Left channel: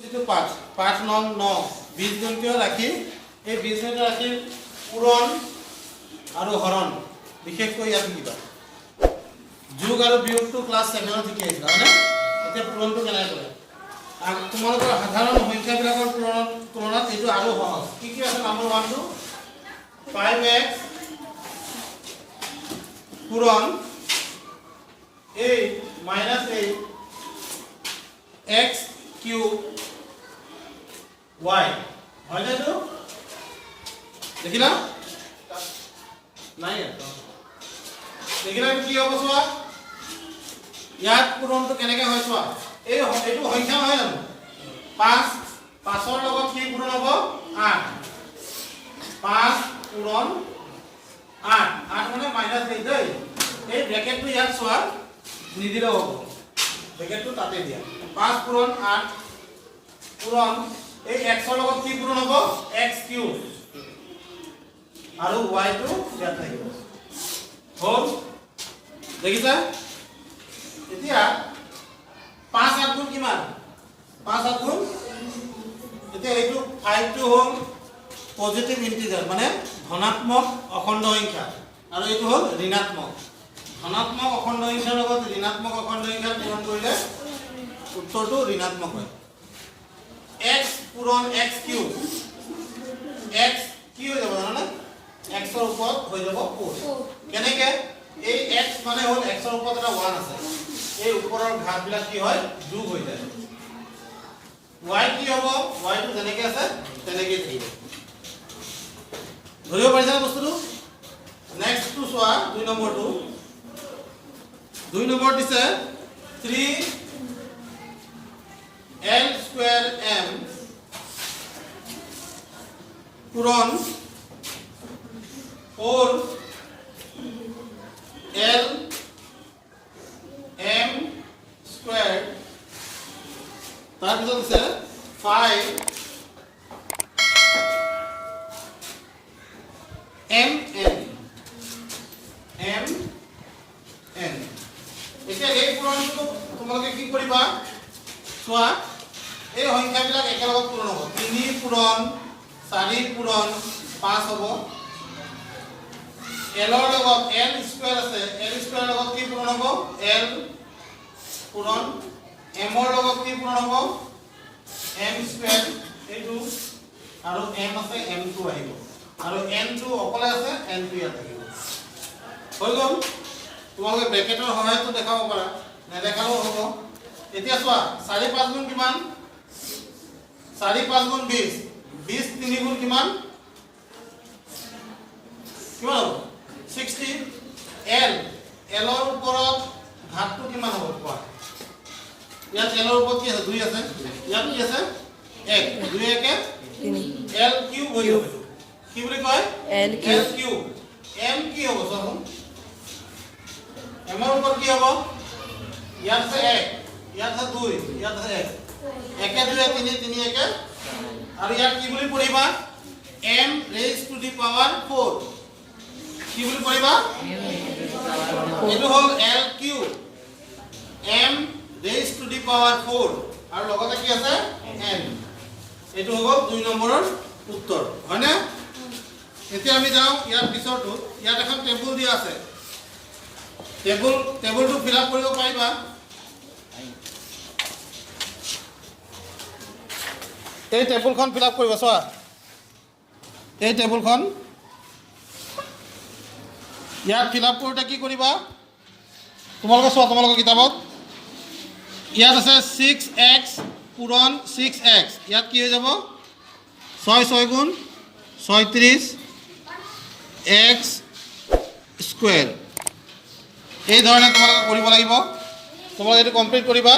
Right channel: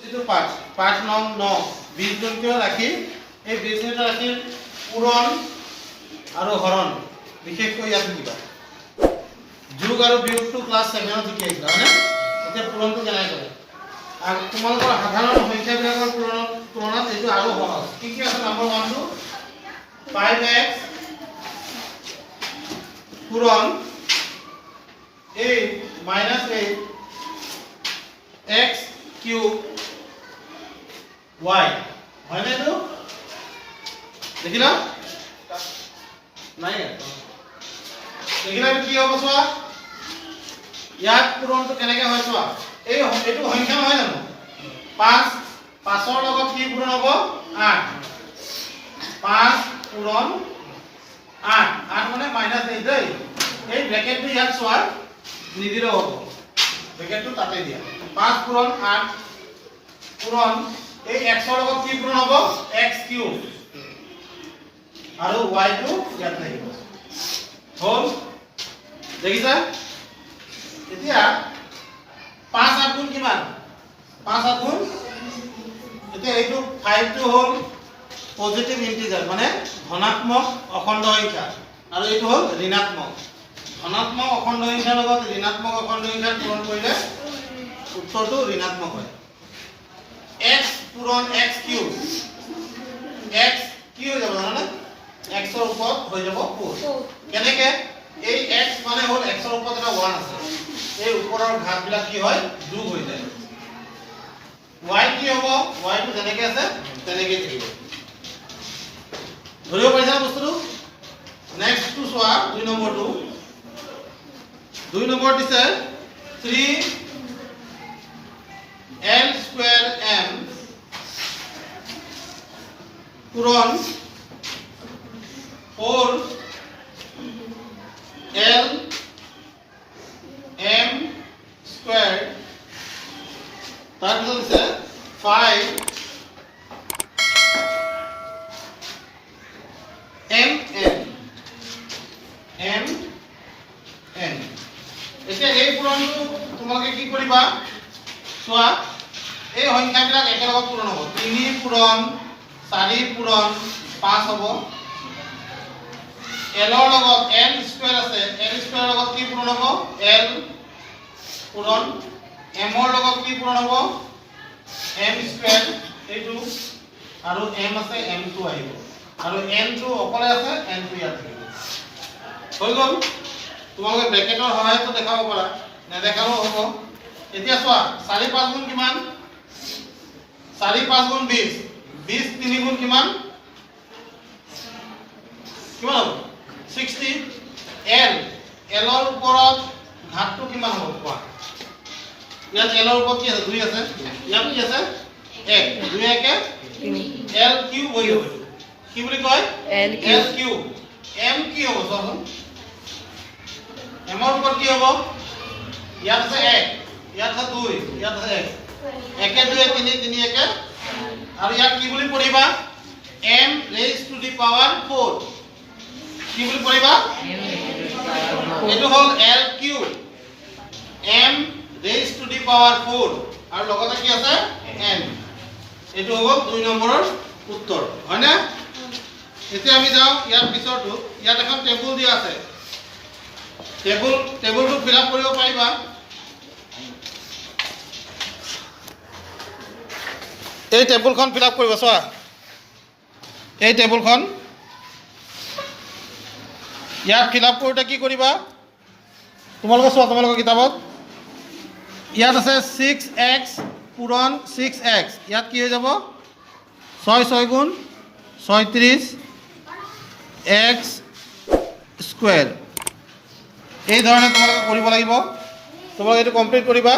যিটো পাঠ নং 9 বীজগণিতীয় ৰাশি এই বীজগণিতীয় ৰাশিৰ পূৰণ আৰু হৰণ বিশেষকৈ ইয়াত লিখিবা যোগ আৰু বিয়োগটো ক্লাছ 7 ত শিকি আহিছিলা হয়নে এতিয়া পূৰণটো কেনেকৈ কৰে আৰু তোমালোকৰ সাধাৰণ সংখ্যাবিলাকৰ তুলনাত এইটো আৰু সহজ কি কি আছে নম্বৰ 1 টো 5x পূৰণ 8 - 8 x cube y হয় না তো দেখিলা নাই দেখিলা কি হ'ব চোৱা ইয়াত পূৰণটো কেনেকৈ হয় চোৱা এইটো সংখ্যা নহয় জানো 5 5ৰ লগত কি পূৰণ হ'ব 8 5 পূৰণ 8 8 মানে -8 দেই এই ব্ৰেকেটটো ইয়াত চোৱা নিদিলেও হ'ব ব্ৰেকেটটো তাতে দিয়া 5 পূৰণ 8 পূৰণ এই x ৰ লগত কি পূৰণ হ'ব x কিউব আৰু y টো ইয়াত লাগিব হ'ল দেখিছা এতিয়া 5 8 গুণ কিমান 5 8 গুণ এতিয়া এইটো 5 টো হ'ল পজিটিভ ইন্টিজাৰ মানে ধনাত্মক অখণ্ড সংখ্যা আৰু এইটো হ'ল ঋণাত্মক ধনাত্মক অখণ্ড সংখ্যাৰ লগত ঋণাত্মক অখণ্ড সংখ্যা পূৰণ কৰিলে উত্তৰটো ঋণাত্মক হয় x পূৰণ x কিউব x কি হৈ যাব জানা x ৰ ওপৰত হৈ যাব 4 কেনেকৈ এই x মানে হ'ল x ৰ ওপৰত এটা 1 আছে এই ওপৰৰ ঘাতবিলাক কি হয় যোগ হৈ যায় y কি হ'ব y টো যেনেকৈ আছে তেনেকৈ থাকিব ধৰিব পাৰিছা বস্তুটো নেক্সট টু চোৱা 2 নম্বৰটো 2 নম্বৰ দিছে 3 L square m পূৰণ 4 L m square তাৰপিছত দিছে 5 m n এতিয়া এই পূৰণটো তোমালোকে কি কৰিবা চোৱা এই সংখ্যাবিলাক একেলগত পূৰণ হ'ব 3 পূৰণ 4 পূৰণ 5 হ'ব l ৰ লগত n স্কয়াৰ আছে l স্কয়াৰ লগত কি পূৰণ হ'ব l পূৰণ m ৰ লগত কি পূৰণ হ'ব m স্কয়াৰ এইটো আৰু m আছে m টো আহিব আৰু n টো অকলে আছে n টো ইয়াত থাকিব হৈ গ'ল তোমালোকে ব্ৰেকেটৰ সহায়ত দেখাব পাৰা নেদেখাও হ'ব এতিয়া চোৱা 4 5 গুণ কিমান 4 5 গুণ 20 20 3 গুণ কিমান কিমান হ'ব 60 l ৰ ওপৰত ঘাতটো কিমান হ'ব কোৱা ইয়াত l ৰ ওপৰত কি আছে 2 আছে ইয়াত কি আছে 1 2 1 l কিউব হৈ যাব কি বুলি কয় l কিউব m কি হ'ব চোৱাচোন m ৰ ওপৰত কি হ'ব ইয়াত আছে 1 ইয়াত আছে 2 ইয়াত আছে 1 1 2 3 3 1 আৰু ইয়াত কি বুলি পঢ়িবা m raised to the power 4 কি বুলি পঢ়িবা এইটো হ'ল l cube m raised to the power 4 আৰু লগতে কি আছে n এইটো হ'ল 2 নম্বৰৰ উত্তৰ হয় না এতিয়া আমি যাওঁ ইয়াৰ পিছৰটো ইয়াত এখন টেবুল দিয়া আছে টেবুলটো ফিল আপ কৰিব পাৰিবা এই টেবুলখন ফিল আপ কৰিব চোৱা এই টেবুলখন ইয়াত ফিল আপ কৰোঁতে কি কৰিবা তোমালোকে চোৱা তোমালোকৰ কিতাপত ইয়াত আছে 6x পূৰণ 6x ইয়াত কি হৈ যাব 6 6 গুণ 36 x স্কয়াৰ এই ধৰণে তোমালোকে কৰিব লাগিব তোমালোকে এইটো কমপ্লিট কৰিবা